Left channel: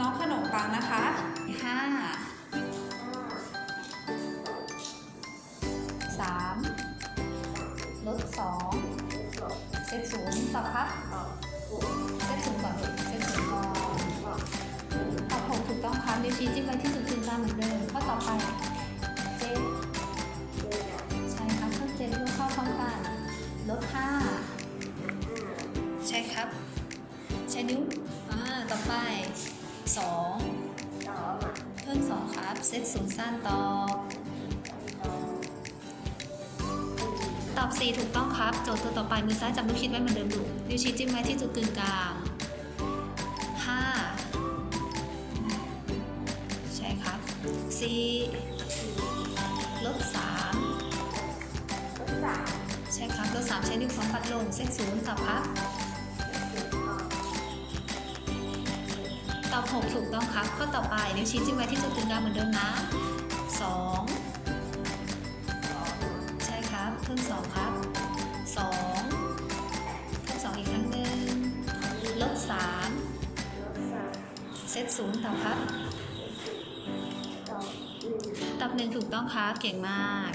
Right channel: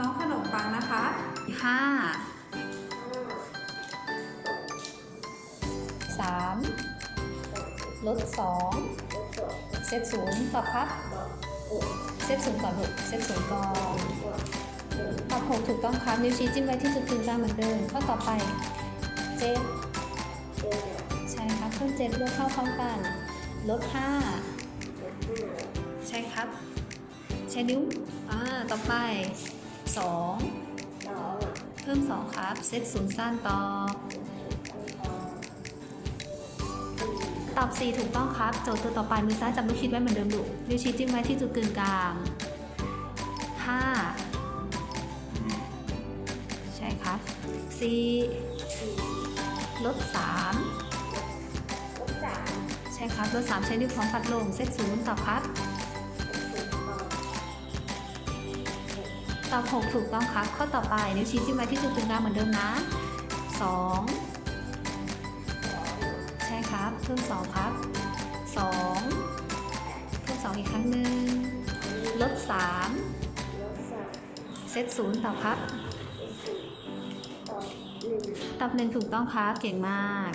น้องขนมปังนะคะห้าสามลดสองเซตศูนย์ตอบครับเซตศูนย์ก่อนลูกเซตศูนย์ก่อนตอบหกถูกต้องครับนิ้วชี้จิ้มไว้ที่จุดกึ่งกลางเหมือนเดิมข้อต่อไปเจ็ดใช่ครับเพิ่มเจ็ดรวมเข้าพร้อมกันลดห้าใช่ครับ ใช้นิ้วอ่าต่อไป สองเพิ่มสองครับ เซตศูนย์สั้นตอบ ตอบสี่ถูกต้องครับ โจทย์ตัวต่อไปมือซ้ายจับลูกชิดไว้เหมือนเดิมลูกนิ้วชี้จิ้มไว้ที่จุดกึ่งกลางห้าใช่ครับสี่ลบสามใช่ครับลบสามใช้นิ้วของปัดลงเซตศูนย์ตอบครับ ตอบ6ถูกต้องครับ ข้อต่อไปนิ้วชี้จิ้มไว้ที่จุดกึ่งกลางเหมือนเดิมนะ 2 ใช่ครับเพิ่ม2ครับ 2 เพิ่ม2อีกครั้งหนึ่งลด3เซตศูนย์ตอครับ ตอบ1ถูกต้องครับ เก่งมาก